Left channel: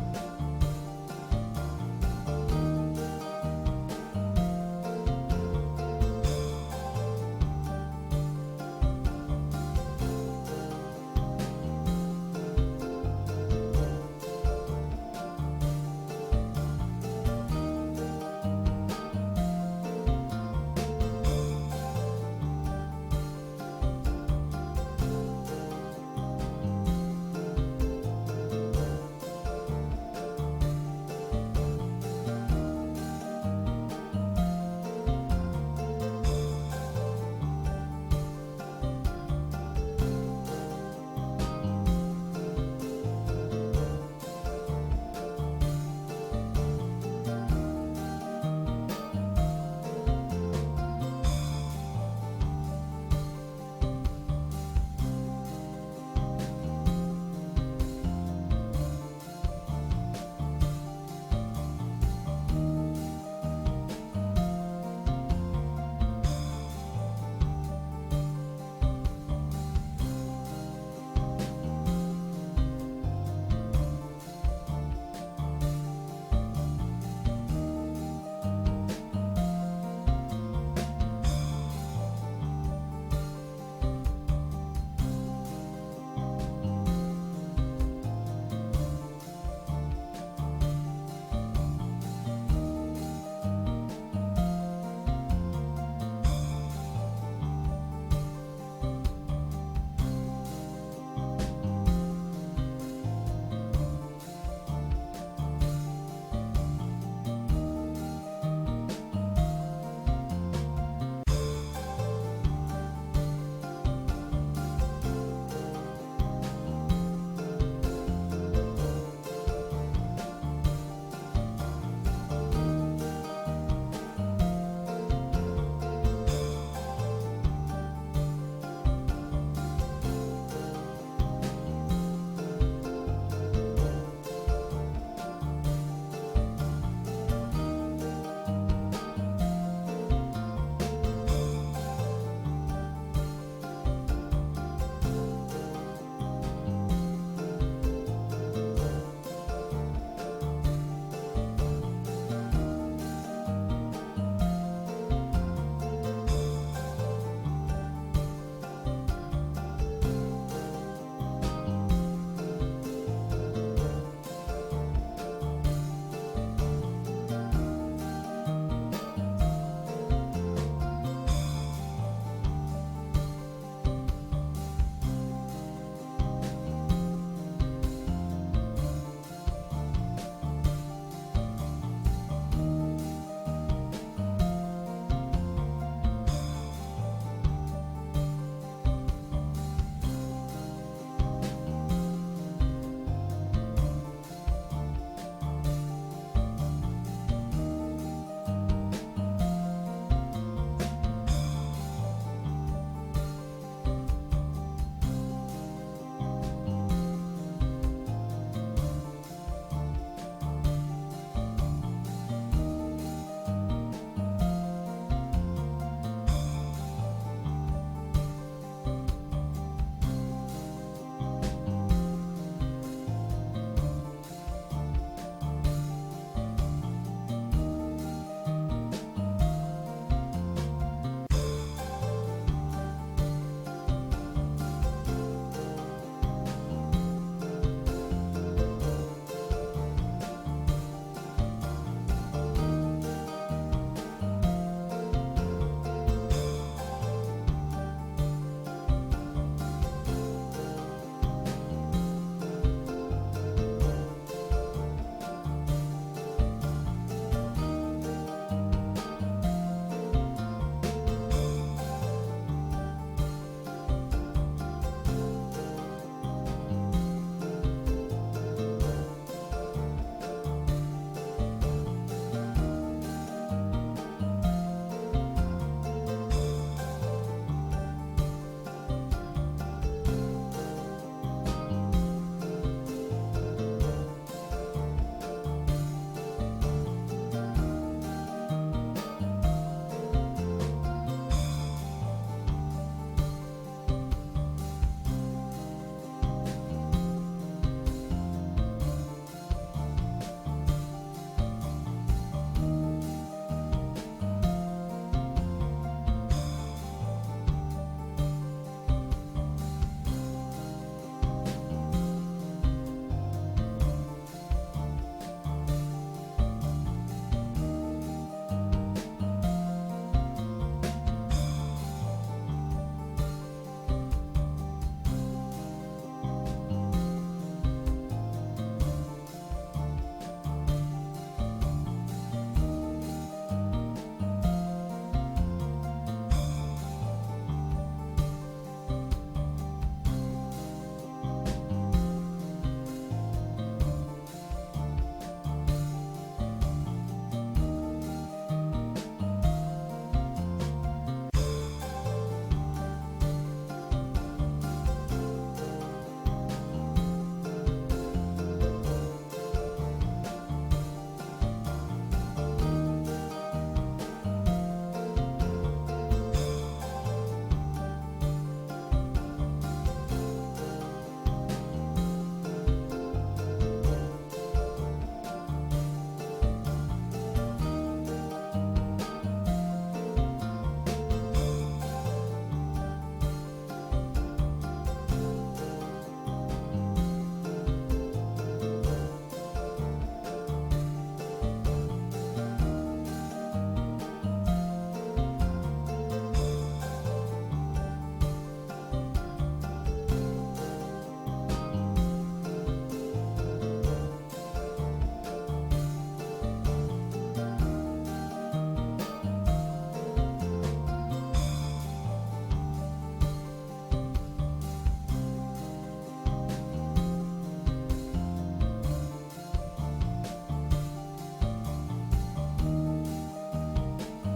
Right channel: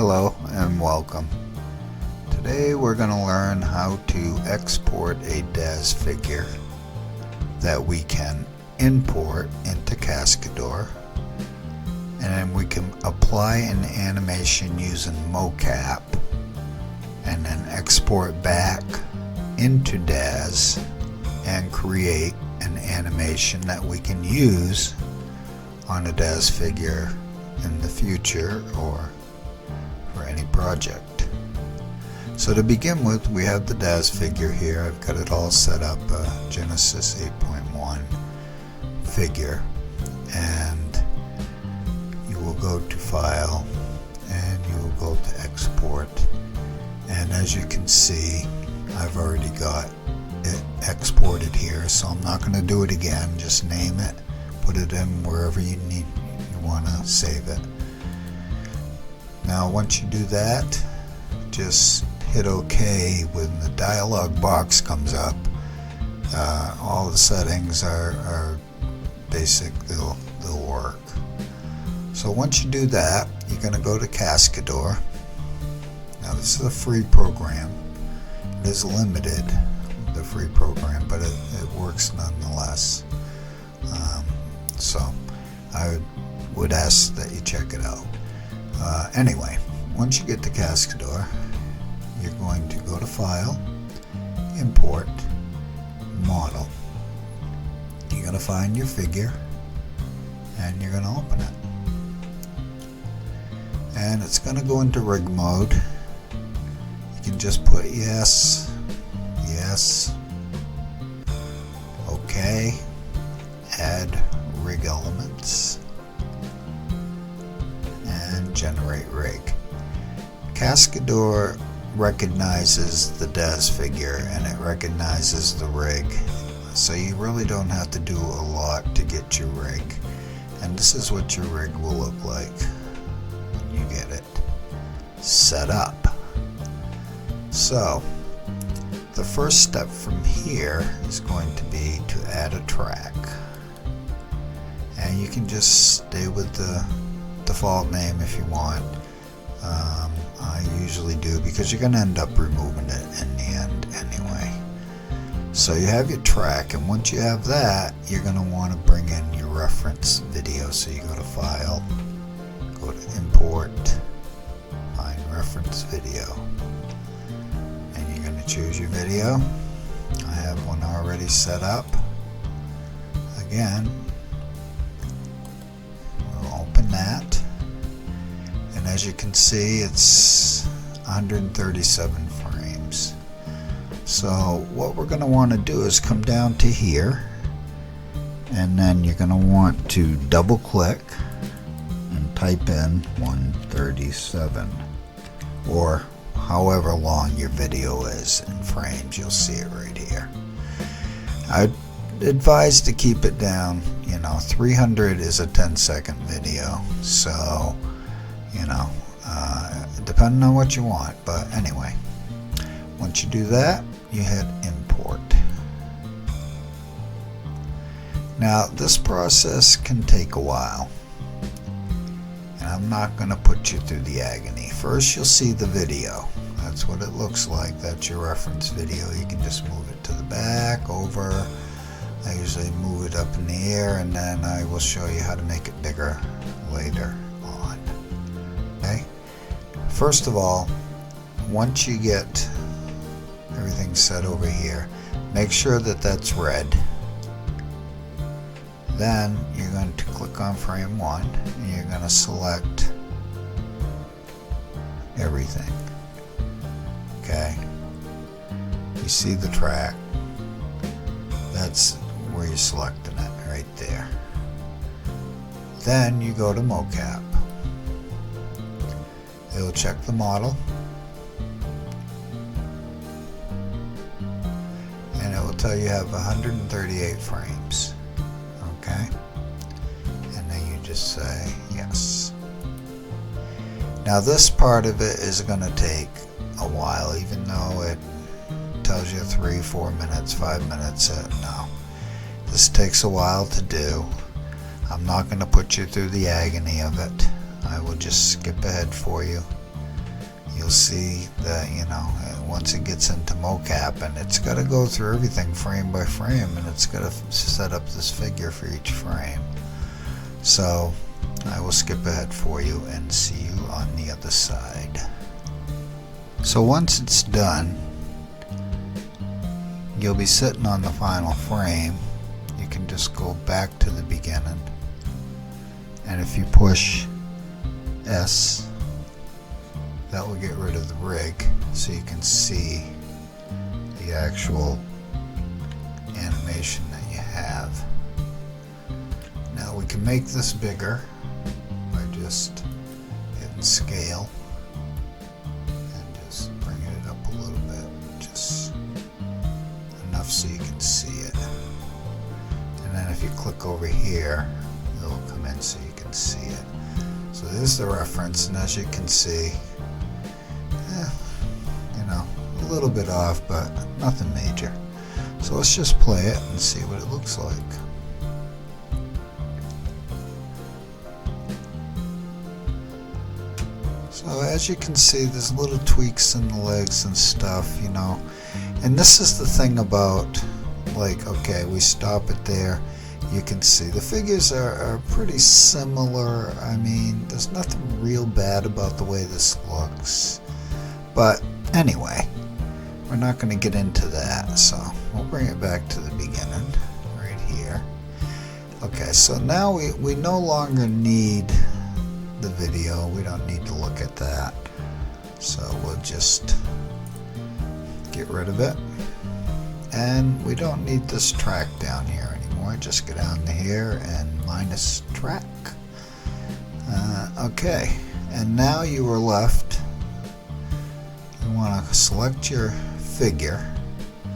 Hello and welcome. Today we're going to learn how to export a Daz figure that we can import into Cascadeur, and then we can apply an animation using MOCAP and then export back into Daz and create an animation that we can use on a Daz figure in the future or for any project. So to begin with, we have the Daz figure here. I've got it all set up, Genesis 8.1 figure, and you will go to File and you will go to Export, and as you can see, I've already got it exported here, so I'm not going to do it again. Just name it, put it in wherever you want to save it. Now once you do that, just hit OK. When the dialog box comes up, all the settings are basic, they'll work. So once you do that, you're going to go to Cascadeur. Now this is a free program. It is limited, the free program, but it works nonetheless. So I would ask that you check it out. Anyway, once you get to Cascadeur, you're going to go to File, Import, Model. You're going to find your figure and you're going to open it. And it's going to go into rig mode. You can just put yes, yes, OK, add rig elements, and generate rig. Cascadeur recognizes the Daz figure and it recognizes the rig, so you really don't have to do a lot to get your rig, and this is what your rig will look like when you get it set up. So the first step from here is going to be to add a track, and you can just stay with the default name if you want. I usually do because you're going to end up removing it in the end anyway. So you have your track, and once you have that, you're going to want to bring in your reference video. So you go to File, go to Import, find Reference Video, and you're going to choose your video. I have one already set up. Again, we'll open that, and as you can see, it's 137 frames. So what we're going to want to do is come down to here, and then you're going to want to double click and type in 137, or however long your video is in frames. You'll see it right here. I'd advise to keep it down. 300 is a 10-second video, so depending on what you want. But anyway, once you do that, you hit Import. Now this process can take a while, and I'm not going to put you through the agony. First you'll see the video. That's what it looks like. That's your reference video. You can just move it to the back, over. I usually move it up in the air, and then I will show you how to make it bigger later on. Okay? First of all, once you get everything set over here, make sure that that's red. Then you're going to click on frame 1 and you're going to select everything. Okay? You see the track. That's where you're selecting it, right there. Then you go to MOCAP. It'll check the model, and it will tell you have 138 frames. Okay? And then you just say yes. Now this part of it is going to take a while, even though it tells you 3, 4 minutes, 5 minutes. No, this takes a while to do. I'm not going to put you through the agony of it. I will just skip ahead for you. see that, you know, once it gets into MOCAP, and it's got to go through everything frame by frame, and it's got to set up this figure for each frame. So I will skip ahead for you and see you on the other side. So once it's done, you'll be sitting on the final frame. You can just go back to the beginning, and if you push S, that will get rid of the rig, so you can see the actual animation that you have. Now we can make this bigger by just hitting scale and just bringing it up a little bit, just enough so you can see it. And then if you click over here, it'll come in so you can see it. So there's the reference, and as you can see, a little bit off, but nothing major. So let's just play it and see what it looks like. So as you can see, there's little tweaks in the legs and stuff, you know. And this is the thing about, like, okay, we stop it there. You can see the figures are pretty similar. I mean, there's nothing real bad about the way this looks. But anyway, we're not going to get into that, so we'll bring it back to the beginning right here. Okay, so now we no longer need the video. We don't need to look at that. So we'll just get rid of it. And we don't need this track down here anymore. Just go down to here and minus track. Okay, and now you are left. You want to select your figure,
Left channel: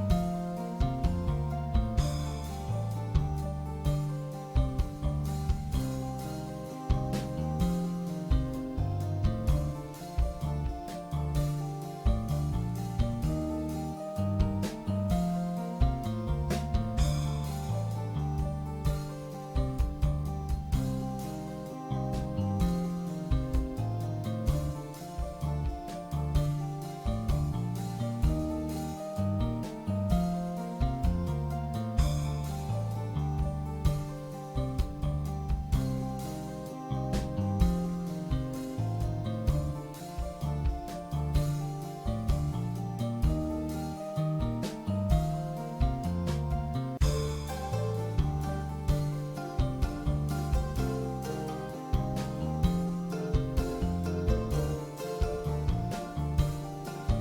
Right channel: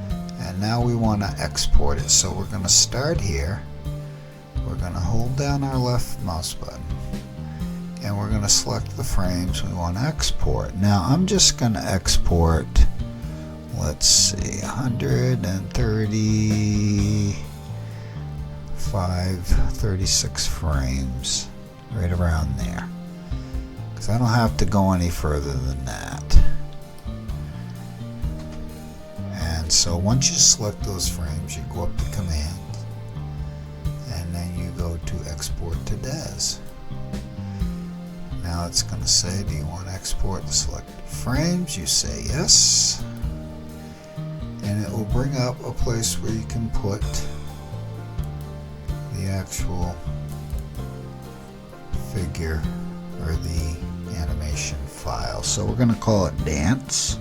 and now we want to export it. So we're going to start here. We're going to hold down our left mouse button, and we're going to select the frames we want to export. Now I'm just going to export, let's see, 36 frames, right around there, because I don't have to go any further than that. And so once you select those frames, you go up to Command, and then you go to Export to Daz. Now it's going to say, do you want to export the selected frames? You say yes, and it will bring up a place where you can put the actual figure or the animation file. So we're going to call it Dance.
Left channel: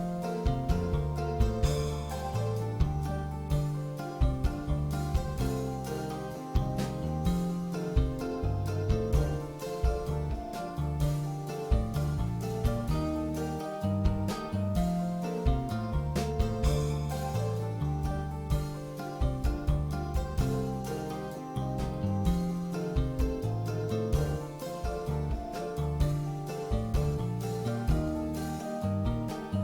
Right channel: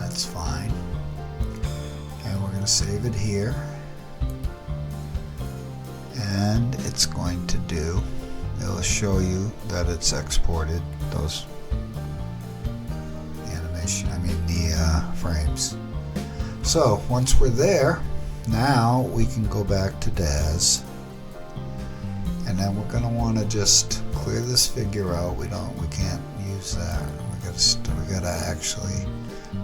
That's fine. And we're going to save it here. And it's going to do, it'll show you that it's exported those animation, the frames. So once we're there, now we can go back to Daz, and then we're going to want to just clear this figure out. We can't use that. We got to actually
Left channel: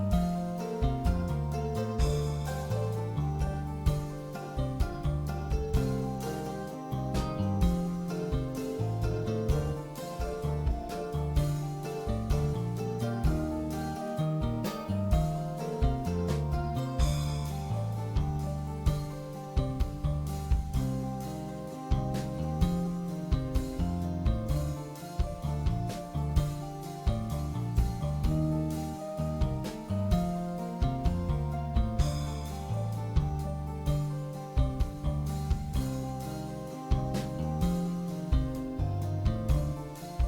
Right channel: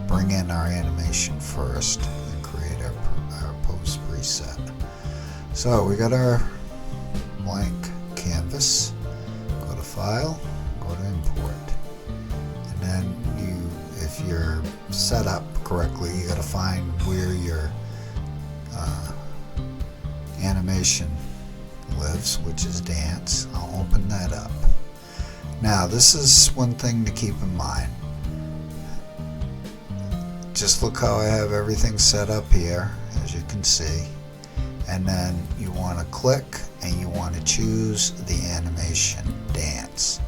bring in our animation first and create our post preset. So we got our blank canvas. Go to File, go to Import, and then if you're set up correctly, you got to find where your animation lives, which is Dance. I'll open that up. Now this is one thing to keep in mind. Just look how I have everything set up here, as you can see, and then you want to click and you want to choose the animation Dance.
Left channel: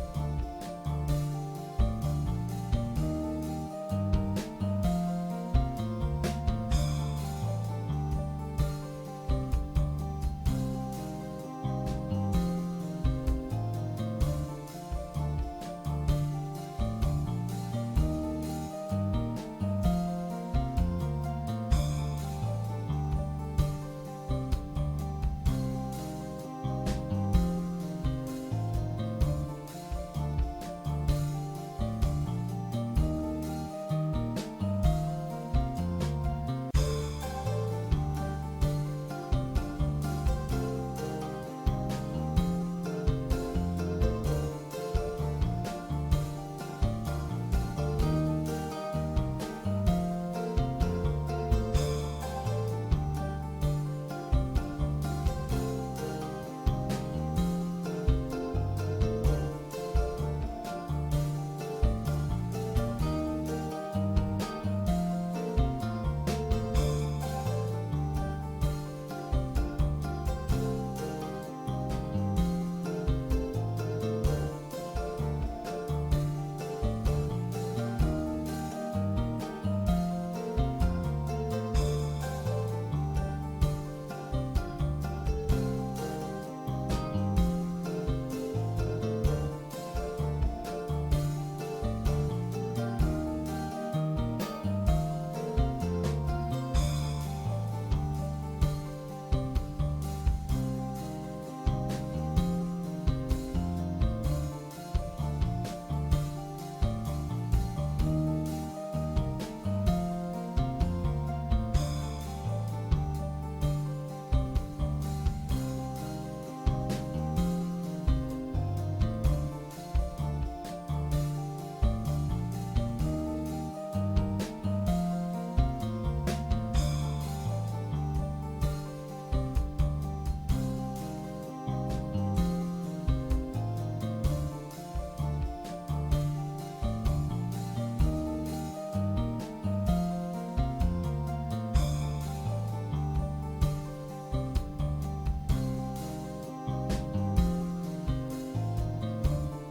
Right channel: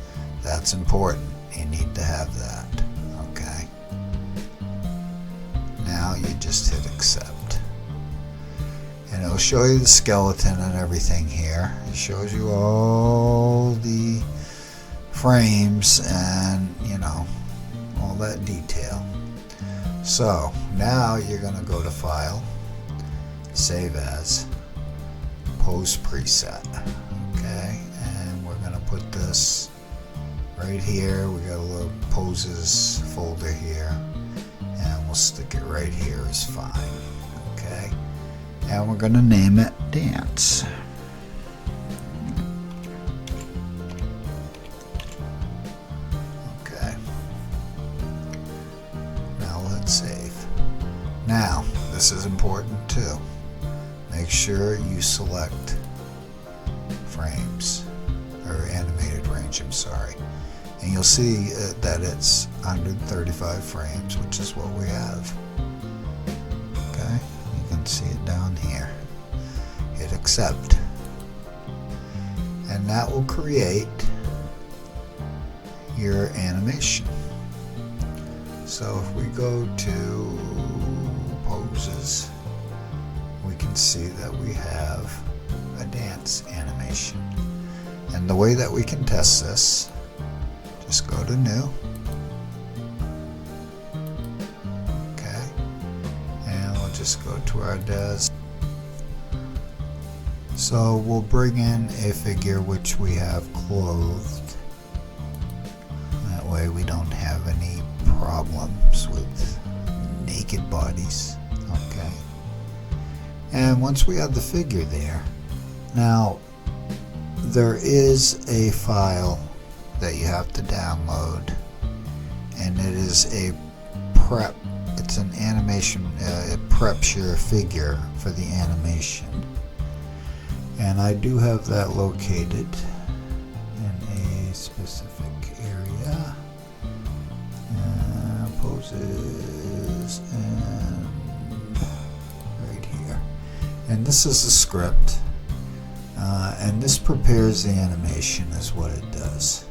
That's important. You need to have that. Okay. Now you just hit accept. It'll show you the skeleton and everything here. It shows you all the frames and, all that detail. So now you're going to go to File, Save As, Post Preset. Okay, and we're going to put this right here. We got a little poses folder here, and we'll stick it right here is fine. Okay. And we're going to name it Dance. this is important too. Make sure you select frames, or animated range, I'm sorry. And you'll see that it's 135 frames, which is what we have. Okay, you can see it down here. Hit accept. And that will create your animation. So if we go to poses, we can see that we have a dance animation. And the way that we can test this, just go to new. Okay. And we'll just go to our Daz. So we'll bring in a figure which we have clothed. That way we don't have any problems with naked bodies. Okay. And once we have the figure there, now there is a file that you have to download, and it is a prep. It's an animation. It preps your figure for the animation, and I do have that located in a specific area. Poses and right here, and this is the script, and this prepares the animation is what it does.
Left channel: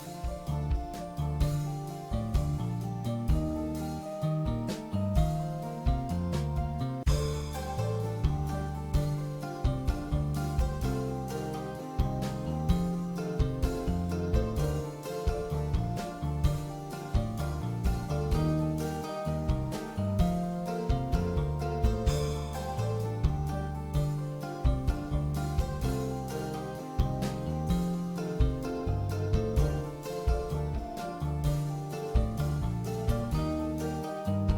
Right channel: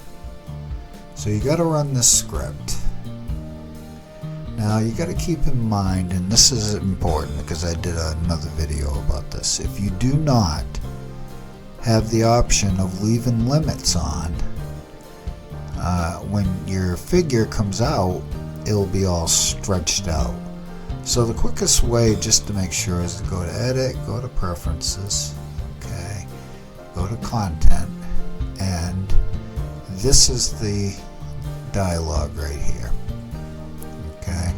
So you got to run this script. Now you got to keep in mind, and this is important because I did another video about this, if you do not have the option of leaving limits on, when your figure comes out, it'll be all stretched out. So the quickest way just to make sure is to go to edit, go to preferences, okay, go to content, and this is the dialogue right here. Okay.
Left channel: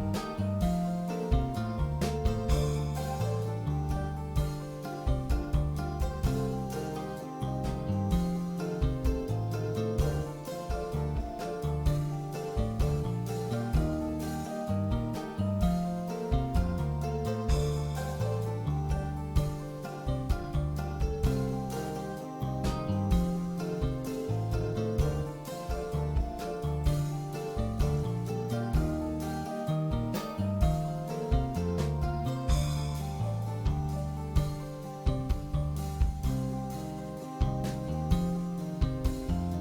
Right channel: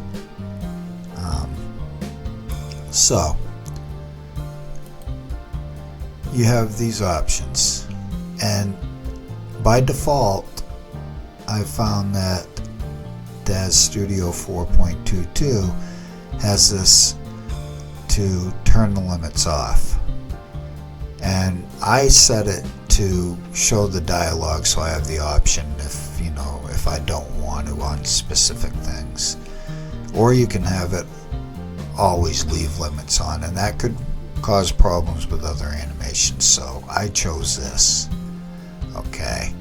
So you have these options, and by default I found that Daz Studio 4.22 has this to turn the limits off, and I set it to show the dialogue, so I have the option if I don't want it on specific things. Or you can have it always leave limits on, and that could cause problems with other animations, so I chose this. Okay,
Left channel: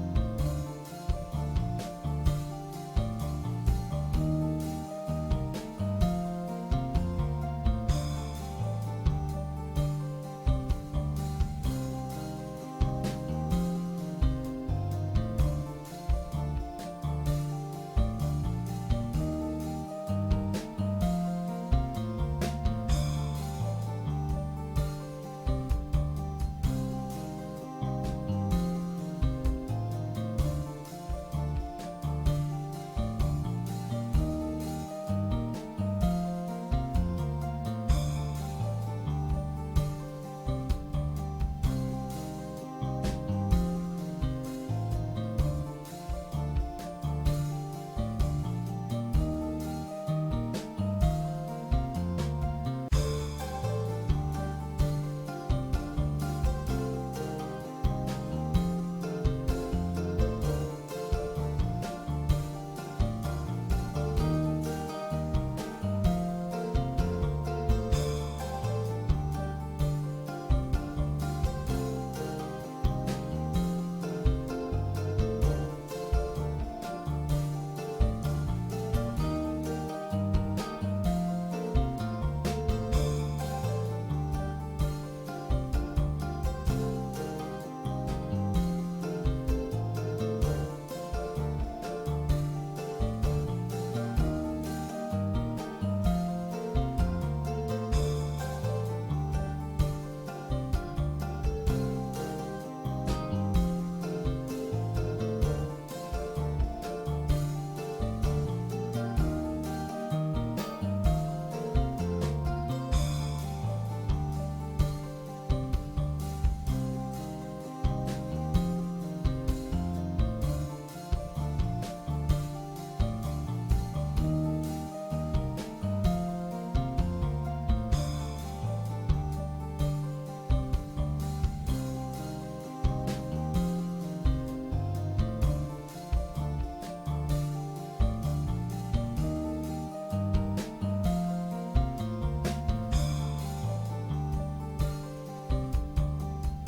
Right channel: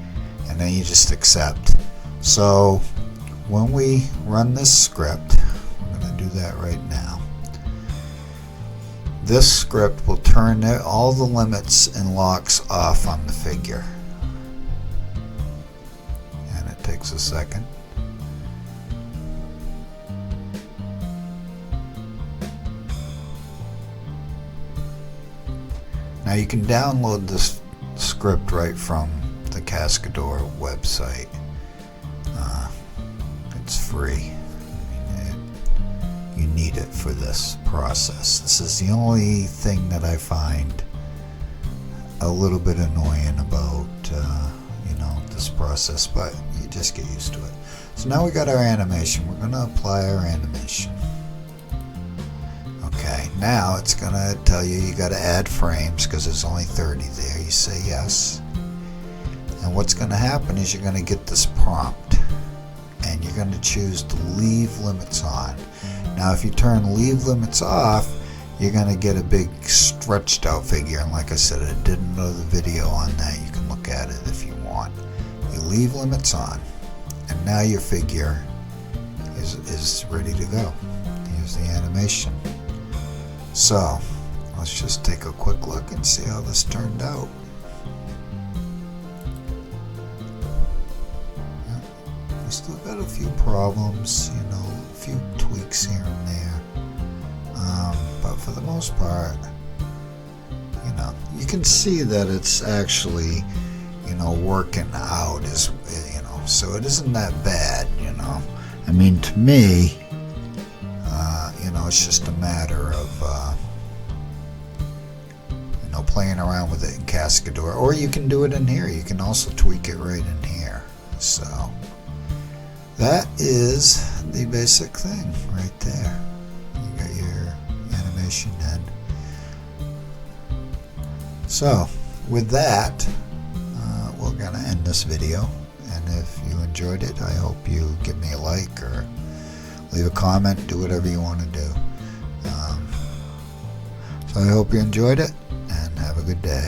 and then you just accept. So when we run this script, I'm going to do that right now. This script will turn all the limits and locks off on the figure. A second. Now you can download this script right from the Cascadeur website. It's free. You need it for this process. This is the only thing that I find a little bit annoying about this process, but you just get used to it. So now we got our animation. We're going to apply our animation. Okay, now it's going to tell you got to add frames because there's only 30 there. You say yes, and what's going to happen is you're going to get this prompt, and you're going to choose to leave limits on. Now if you turn leave limits off, you're going to get a big stretched out figure, and like I said, I did another video on that. You can look at it if you want. You leave limits on, and now your figure is ready to go. Here's the animation. So let's just take a quick look and see how this turned out. We still got a few problems, a few tweaks here and there, but for the most part, you can see that it's actually, working out as so it isn't that bad. I mean, to me, it's just a matter of playing around with it in Cascadeur, or you can do it in here. You can also tweak it right in here. So that is the basic thing right there. You got your So with that, we're going to end this video, and if you enjoyed it, I hope you give me a like or leave a comment, do whatever you want to do. So I hope you enjoyed it, and have a good day.